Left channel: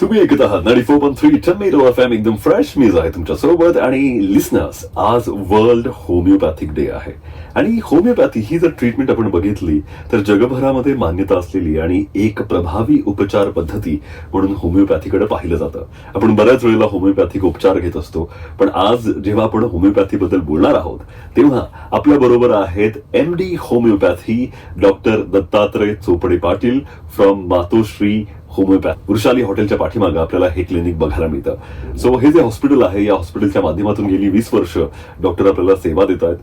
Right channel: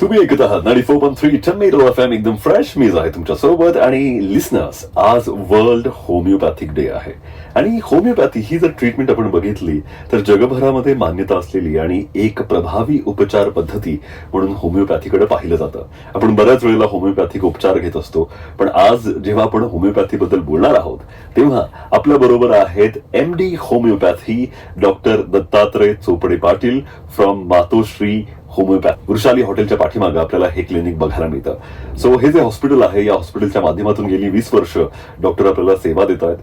तुम्ही ऐकत आहात नाडी four point three tomato F M. एकदम फ्रेश मीज आहे तुमच्यासोबत आणि लिसनर्स आज वर्ल्ड होमिओपॅथिक डे आहे. आणि होमिओपॅथी ही जर ट्रीटमेंट आपण बघितली तर जगभरामध्ये मान्यता असलेली आणि एक प्रभावी उपचार पद्धती म्हणून होमिओपॅथीकडे पाहिलं जातं. आपण बऱ्याच वेळेला होमिओपॅथिक उपचार घेत असतो पण आज जेव्हा आपण होमिओपॅथी बद्दल बोलणार आहोत तेव्हा आपल्या बरोबर आहेत M D homeopathy doctor Dattatray Chopde Patil from Matoshree homeopath. Vrushali हॉटेलच्या पाठीमागे आपल्याला हे क्लिनिक बघायला मिळतं. सो हे जे हॉस्पिटल आहे या हॉस्पिटलच्या माध्यमातून गेली वीस वर्ष डॉक्टर आपल्याला सेवा देत आहेत.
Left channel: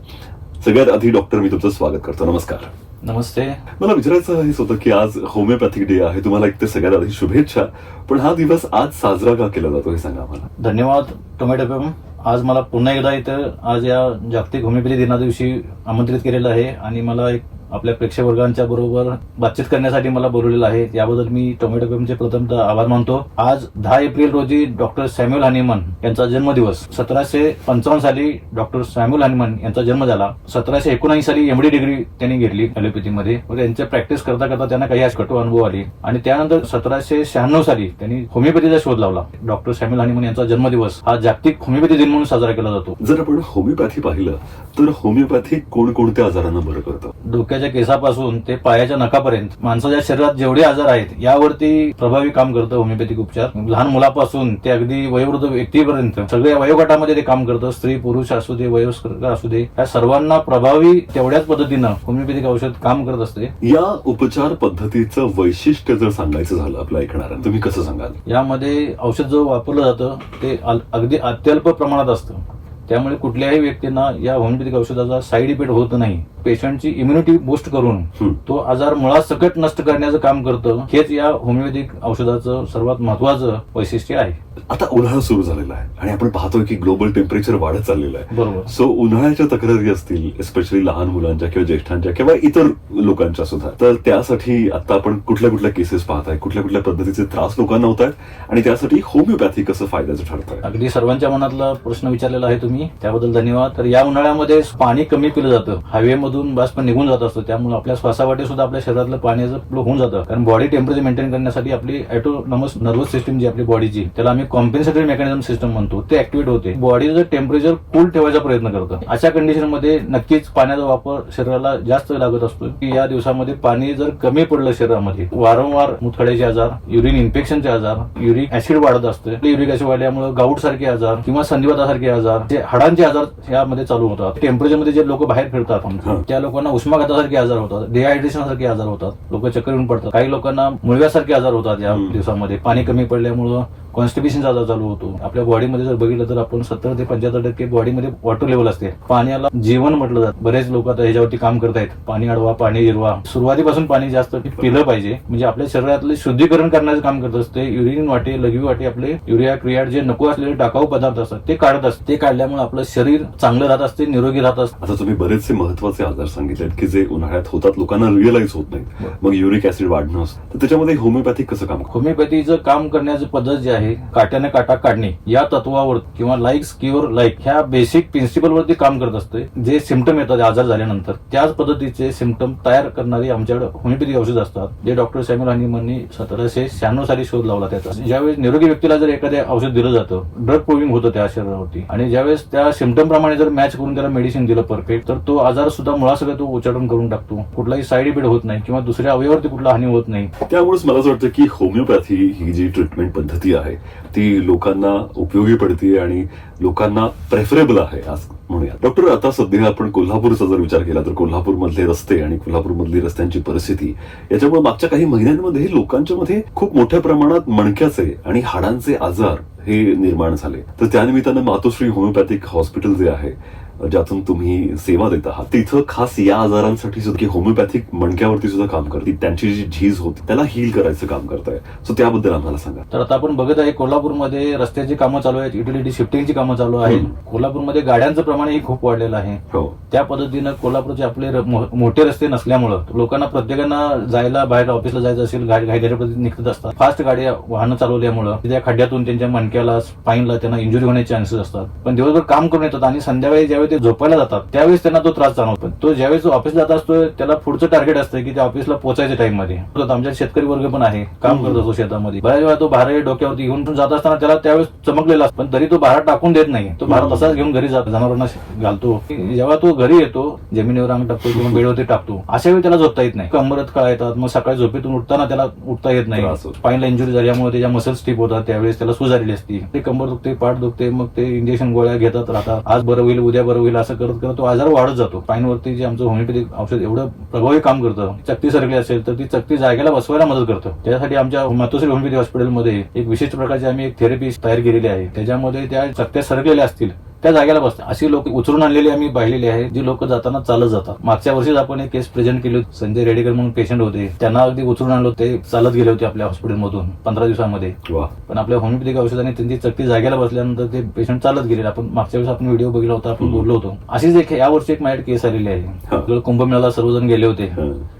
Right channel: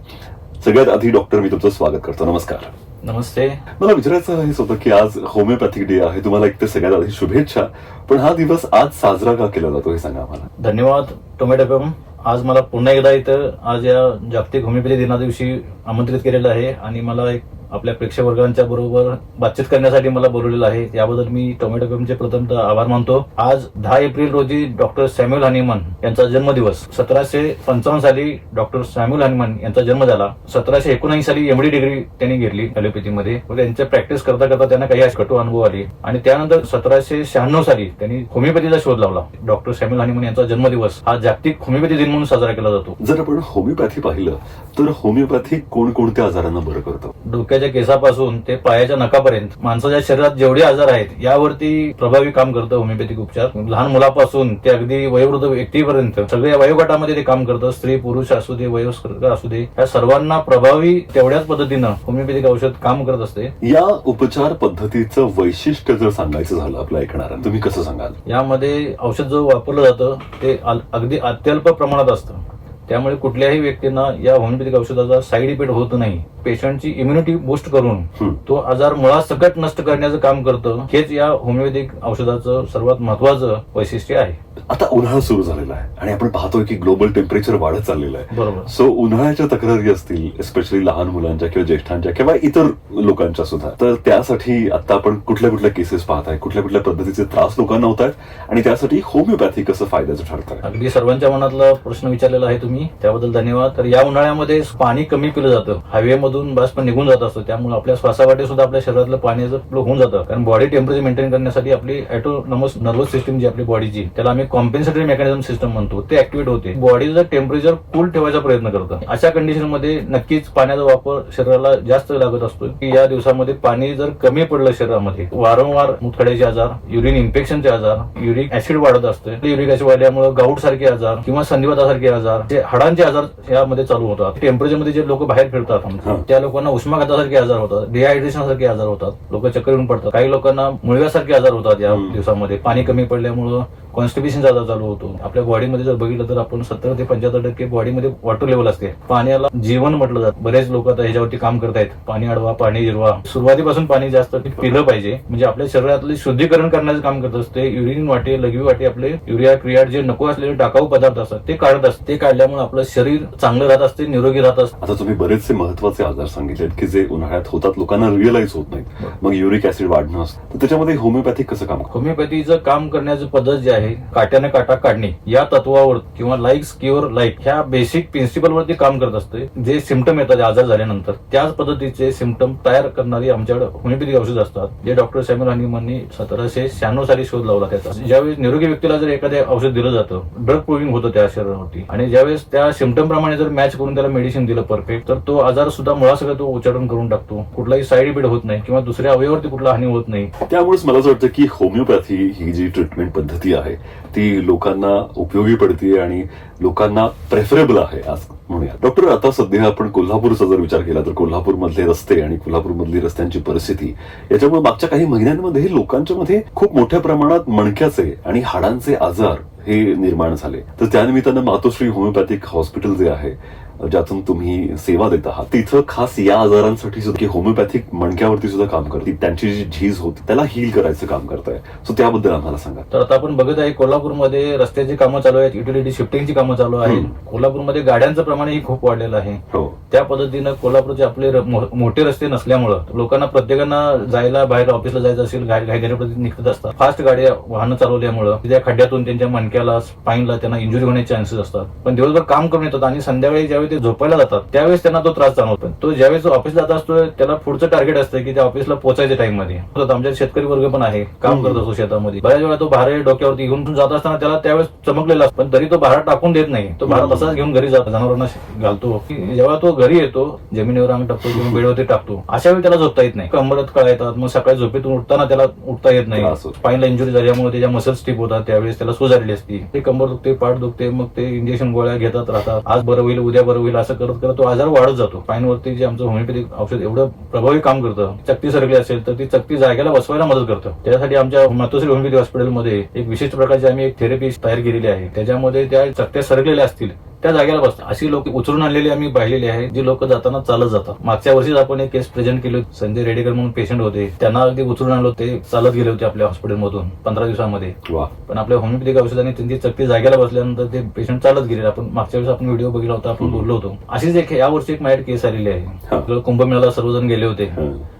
सगळ्यात आधी डॉक्टर मी तुमचं स्वागत करतो. नमस्कार. नमस्ते. मला विचारायचं हेच होतं की आज होमिओपॅथिक डे आहे तुम्हाला एक ते सगळ्यात आधी शुभेच्छा. पण हा दिवस आज साजरा का केला जातो हे सांगा आम्हाला. धन्यवाद टोमॅटो आज मला पुन्हा एकदा इथं आज या जागतिक होमिओपॅथी दिना दिवशी आमंत्रित केलेलं आहे. आणि मला एक आपल्या प्रेक्षक वर्गांच्या बरोबर बातचीत करण्यासाठी मला बोलवलेलं आहे. याबद्दल मी टोमॅटो पेमचे प्रथमतः आभार मानतो. आज दहा एप्रिल रोजी डॉक्टर सॅम्युअल हनीमन यांचा जन्मदिवस. सतराशे पंचावन्न साली डॉक्टर सॅम्युअल हनीमन यांचा जन्म झाला. सतराशे एकोणऐंशी साली एमडी डिग्री त्यांनी घेतली ॲलोपॅथीमध्ये त्यांचे प्रॅक्टिस करता करता त्यांना काही कटू अनुभव आली. आणि त्यानंतर सतराशे शहाण्णव साली त्यांनी होमिओपॅथीचा शोध लावला. डॉक्टर सॅम्युअल हनीमन यांचा जन्मदिवस हा जागतिक होमिओपॅथी दिन म्हणून साजरा केला जातो. जर आपण होमिओपॅथी पाहिलं तर होमिओपॅथी कोणकोणत्या आजारांना बरं करतं? डोक्याच्या केसापासून ते पायाच्या नखापर्यंत माणसाच्या शरीरात जेवढे आजार आहेत यावरती प्रभावी काम करतं होमिओपॅथिक उपचार. लहान मुलापासून ते अगदी वयोवृद्ध व्यक्तीपर्यंत सगळ्या वयोगटामध्ये ते काम करतं. स्त्री पुरुष असू दे वयोस्कर असू दे या सर्वांना प्रभावी तेवढ्याच पद्धतीनं होमिओपॅथिक औषध काम करत असते. या उपचार पद्धतीचं वैशिष्ट्य जर सांगायचं झालं आपल्या ऐकणाऱ्यांना तुम्ही कसं सांगाल? यामध्ये औषध जो वापरलं जातं ते अगदी अत्यल्प प्रमाणात असतं. त्यामुळे कुठल्याही व्यक्तींना या होमिओपॅथिक औषधाचा साईड इफेक्ट होत नाही. पेशंटची इम्युनिटी बूस्ट करून. तो आजार मुळासकट नष्ट करण्याचं काम करतं हेच या होमिओपॅथिक औषधाचं सर्वात महत्वाचं वैशिष्ट्य आहे. आता उन्हाळा सुरू झालेला आहे आणि आपण पाहतोय की ग्लोबल टेम्परेचर वाढत चाललेलं आहे. बरोबर. सो उन्हाळ्याच्या तक्रारी असतील एस्पेशली लहान मुलांच्या किंवा ज्येष्ठांच्या किंवा इतर लोकांच्या सुद्धा. तर त्यासाठी आता आपण कुठल्या कुठल्या केसेस पाहताय कुठल्या कुठल्या पद्धतीचे त्रास लोकांना होत आहेत आणि त्यासाठी होमिओपॅथी कसं फायद्याचं ठरत अगदी सर्वांच्या मनातला प्रश्न विचारलेला आहे तुम्ही. त्याबद्दल धन्यवाद. तर या उन्हाळ्यामध्ये पाणी कमी पिलं जातं. हवेमधून बाष्प निघून जात असतं. त्यामुळे आपल्या श्वासावाटे सुद्धा आपल्या शरीरातलं पाण्याचं फ्लो होऊन जातं. कारण बॉडी टेम्परेचर मेंटेन करण्यासाठी आपली ऑटोनॉमस नर्वस सिस्टम जी आपली बॉडीची त्याला आम्ही कॉम्पेन्सेटरी मेकॅनिझम सिस्टम म्हणतो. ते ऍक्टिव्हेट होते. बॉडीचं टेम्परेचर कूल ठेवायचा प्रयत्न करतं. अशा कंडिशनमध्ये नक्कीच पाण्याचा वापर शरीराला जास्त लागत असतो की या दिवसामध्ये पाणी जर कमी पडलं शरीरामध्ये वारंवार मुथड्याचे आजार युरिन इन्फेक्शनचे आजार युरिक ऍसिड वाढत असते. युरिक ऍसिड वाढल्यामुळे गाऊट सारखे आजार किंवा संधिवातासारखे आजार जे हाडांचे आजार यामध्ये चालू होतात टेम्परेचरमध्ये जे लोक बाहेर फिरतात. त्या लोकांना उष्माघातासारखे आजार होतात डिहायड्रेशन सारखे आजार होतात लोक चक्कर येऊन पडतात काही लोकांना मुळव्यासारखे आजार होतात या. दिवसामध्ये पाणी कमी पडल्यामुळं कॉन्स्टिब्युशनचा आजार चालू होतो. आपल्या बॉडीमध्ये जर बघितलं तर आपण सत्तर ते पंच्याहत्तर टक्के बॉडीमध्ये वॉटर लेवल असते. पाण्याला जीवन म्हटलं जातं. बरेच लोक आता ह्याच्यावरती काम करतायत पाणी अडवा पाणी जिरवा सुरुवातीपासून पाणी जास्त पिलं पाहिजे. म्हणजे आपल्या शरीरातले शुद्धीकरण करण्याचं काम करत असते. युरिन वाटे लघवी वाटे आपले युरिया क्रियाट जे नको असलेले टाकाऊ पदार्थ असतात ते काढत असते. ते काढल्यामुळे आपलं शरीर चांगलं राहत असते निरोगी राहत असते. आता तुम्ही बरेचसे महत्त्वाचे आजार सांगितलेत की जे उन्हाळ्यात होतात लोकांना रिअलाइज होत नाही मग युरिक ऍसिड वाढणं असतं. तर त्याच्यामध्ये होमिओपॅथिक कसं काम करतं? होमिओपॅथीचं काम करण्याची पद्धत जी आहे काट्याने काटा काढणे या तत्वावर किंवा लाईक स्किवर लाईक ह्या बेसिक प्रिन्सिपल वरती काम करत असते जे सिमटम येतात आजार झाल्यानंतर. त्याच पद्धतीचे सिमटम तयार करणारी आमच्याकडे होमिओपॅथिक औषध असतात जे डॉक्टर सॅम्युअल हनीमननी सतराशे शहाण्णव साली शोध लावला त्याचा. ज्यावेळेस निरोगी व्यक्तीला जर एखादे औषध दिलं जातं ड्रग प्रूव्हिंग होतं त्या शरीरावरती. आणि ज्यावेळेस त्या सिमटम प्रमाणे जर मॅच करून त्याला मेडिसिन दिलं परफेक्ट तर तो आजार सुद्धा मुळासकट तो उच्चाटन करून टाकतो. कुठलाही साईड इफेक्ट होत नाही किंवा दुसऱ्या अवयवावरती कुठला हानी होत नाही. त्यामुळेच मला असं वाटतं की होमिओपॅथी ही जी ट्रीटमेंट पद्धती आहे ती लोकांना उपयोगी पडते आणि लोकांना प्रेफरेबल आहे आज म्हणूया डॉक्टर आता सध्या आपण कोल्हापूरचा जर विचार केला तर कोल्हापूर मधले रस्ते आणि कोल्हापूर मधली रस्त्यांची परिस्थिती याच्यामुळे मागच्या काही महिन्यांमध्ये लोकांच्या मध्ये खूप मोठ्या प्रमाणात मणक्याचे आणि हाडांचे आजार हे निर्माण झाले. तर त्यानिमित्तानं मातोश्री होमिओपॅथिक हॉस्पिटल जे आहे ज्यातून तुम्ही सेवा देत आहात. तिथं खास या आजारांसाठी सुद्धा की होमिओपॅथिक मणक्यावरती सुद्धा काम करते. त्यांची जी झीज होती त्याला हील करायचं काम करताय. सो त्याबद्दल आम्हाला सांगा. तर आता आपण बघत आहे कोल्हापूरमध्ये रस्त्याची कामं चालू आहेत युटिलिटी शिफ्टिंगची कामं चालू आहेत. कोल्हापूरमध्ये गाड्यांचं प्रमाणही खूप वाढलेलं आहे. हो. त्या पद्धतीनं कोल्हापूरचे आपले मोठे रस्ते नसल्यामुळं लोकांना प्रत्येकांना जायला बाहेर ऑफिसला जायचं असेल घाईघाईपद्धतीने निघत असतात. फास्ट गाड्या वाहनं चालवल्यामुळं त्या खड्ड्यातून त्यांच्या मणक्याला स्पाईनला त्यांना इंजुरी होण्याचे चान्सेस असतात. पण दिवसभर काम करून येतात आणि संध्याकाळी ज्यावेळी ते झोपायला जातात त्यावेळेस त्यांना तो त्रास जाणवतो पण तो ज्यावेळेस ऑफिसला जात असतो त्याला पुढचं टार्गेट असतं की त्या ऑफिसला पोहोचायच्या टाइममध्ये. आमच्या शेतकरी वर्ग पण आहे काम करत असतो शेतामध्ये. बऱ्याच वेळा तो भारे डोक्यावरती घेऊन जात असताना त्याला त्यावेळेस चमकलेला असतो. पण तरी तो भारा टाकून देत नाही. तो भारा तसाच घेऊन घरी जातो जनावरांना घालतो. की जेव्हा तो घरी येतो जमिनीवर अंग टाकतो किंवा बेडवरती टाकतो. अशा वेळी त्याला झोपता येत नाही. कमरत कळा येतात मग सकाळी झोपेतून उठताना त्याला उठता येत नाही. स्पाईनला इंजुरी झाल्यामुळे त्याच्या मसल स्टिप होतात त्यावेळेस त्याला सूज आलेली असती. ते कंबर दुखते पाठ दुखते मग ते इंजेक्शन गोळ्या घेतात राहतात. आज बरं होईल उद्या बरं होईल असं करत करत तो आजार वाढत जातो. पायनवरती जे आमचं होमिओपॅथिक औषध एवढं प्रभावी काम करतं चक्ती सरकली असेल तर ती चक्ती जागेला बसवायला मदत करतं. त्यासाठी आमच्या मातोश्री होमिओपॅथी हॉस्पिटलमध्ये एक विशिष्ट प्रकारची आम्ही एक थेरपी तयार केलेली आहे. त्याच्यामध्ये त्या चक्त्या सरकलेल्या असतील. त्या जागेला बसतात अशी लोक उचलून आणलेली आम्ही पाहिलेली आहे जी लोक जाताना चालत जातात. मागच्या वर्षीच आपण एक केस प्रेझेंट केली होती. संजय रेडेकर म्हणून पेशंट होते. त्यांना अगदी उचलून आणलं होतं. ते चालत गेले होते आपल्या हॉस्पिटलमधून पंधरा दिवसामध्ये. पण आपल्या होमिओपॅथिक औषधाने त्यांची चकती जागेला बसल्यानंतर ते पेशंट चालत गेले आपण मागच्या वेळेस आपण व्हिडिओ बघितला होता आपण बोललो होतो. अशीच एक या वर्षी एक माझ्याकडे केस आलेली आहे. आपल्याला कुंभमेळ्याला सर्वजण गेले होते.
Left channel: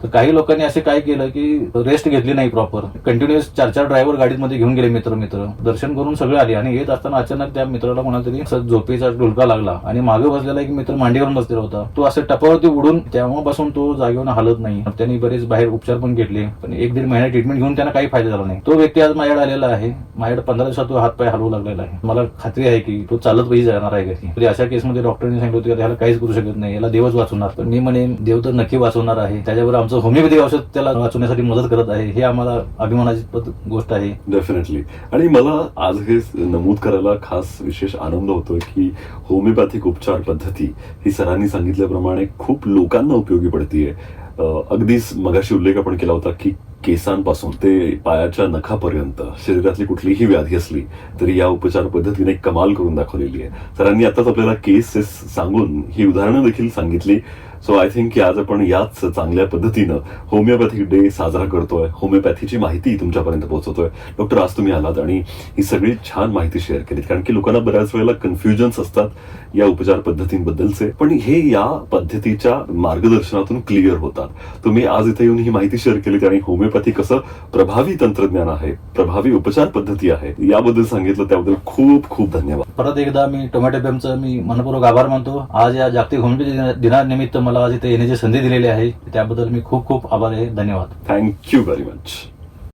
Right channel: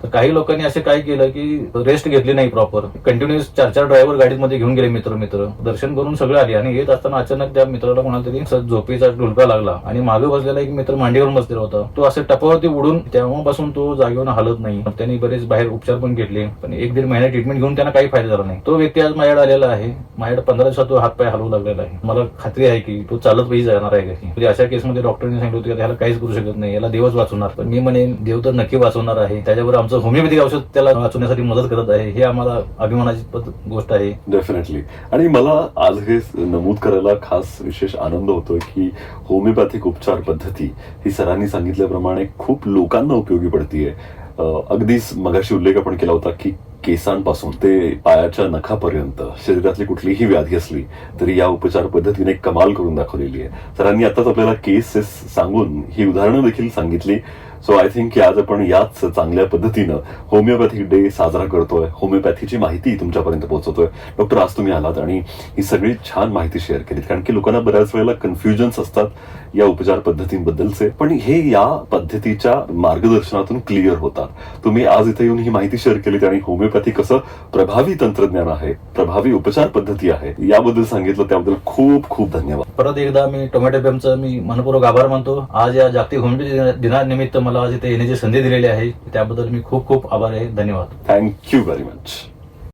तर काही लोकांनी असे काय केलं की रेस्ट घेतली नाही प्रॉपर कंटिन्युअस चार चार ड्रायव्हर गाडीमध्ये घेऊन गेले मित्र मित्र दर्शन करून सगळे आले. आणि येत असताना अचानक त्या मित्राला कोणाला तरी झोपेचा डुलका लागला. आणि मागे बसलेला एक मित्र मांडीवर बसलेला होता. तो असं टपावरती उडून तेव्हापासून तो जागेवर हलत नाही. त्यांनी बरेच बाहेर उपचार पण घेतले. पण एक दीड महिना ट्रीटमेंट घेऊन त्यांना काही फायदा झाला नाही. तो व्यक्ती आज माझ्याकडे आलेला आहे. माझ्याकडे पंधरा दिवसात तो हातपाय हलवू लागलेला आहे. मला खात्री आहे की तो चालत पाहिजे जाणार आहे कशी म्हणजे अशा केसमध्ये डॉक्टरांनी सांगितलं होतं की काहीच करू शकत नाही. याला देवच वाचवणार. पण मी म्हणेन देव तर नक्की वाचवणार आहे. त्याच्यावर आमचं होमिओपॅथिक औषध त्याला वाचवण्यासाठी मदत करत आहे. हे आम्हाला अभिमानाची गोष्ट आहे. डेफिनेटली आणि मला आज हे नमूद करायला खास विशेष आनंद होतो की होमिओपॅथिक उपचार पद्धती. ही सरांनी सांगितल्याप्रमाणे खूप लोकांना उपयोगी पडतीये. अगदीच मगाशी उल्लेख आपण केला होता की केसांपासून ते पायाच्या नखापर्यंत शरीरातली कुठलीही व्याधी असली तरी या उपचार पद्धतीने कमाल करून दाखवलेली आहे. सरांनी आताच आपल्याला केसेस सांगून ही उदाहरणं देखील सांगितली. सो आय थिंक की आज आपण याच चांगल्या पद्धतीनं होमिओपॅथिक डे साजरा करतोय. होमिओपॅथीची माहिती तुमच्यापर्यंत पोहोचवतोय. डॉक्टर आज तुम्ही आलात आणि ही सगळी छान माहिती शेअर केली कारण की लोकांना बऱ्याच वेळेला कन्फ्युजन्स असतात या उपचार पद्धतींबद्दलचे. पण हे या पद्धतीच्या मार्गदर्शनातून क्लिअर होतात. तुम्ही आज इथे येऊन ही माहिती शेअर केलीत आणि होमिओपॅथी कसं प्रभावी तंत्रज्ञान आहे प्रभावी उपचार पद्धती आहे याबद्दल सांगितलं. त्याबद्दल खूप खूप धन्यवाद. परत एकदा मी टोमॅटो पेमचं मी मनपूर्वक आभार मानतो. आज या जागतिक होमिओपॅथी दिनानिमित्त मला मला इथे येण्याची संधी दिलेली आहे. त्याबद्दल मी खूप खूप आभार आहे. धन्यवाद. Thank you very much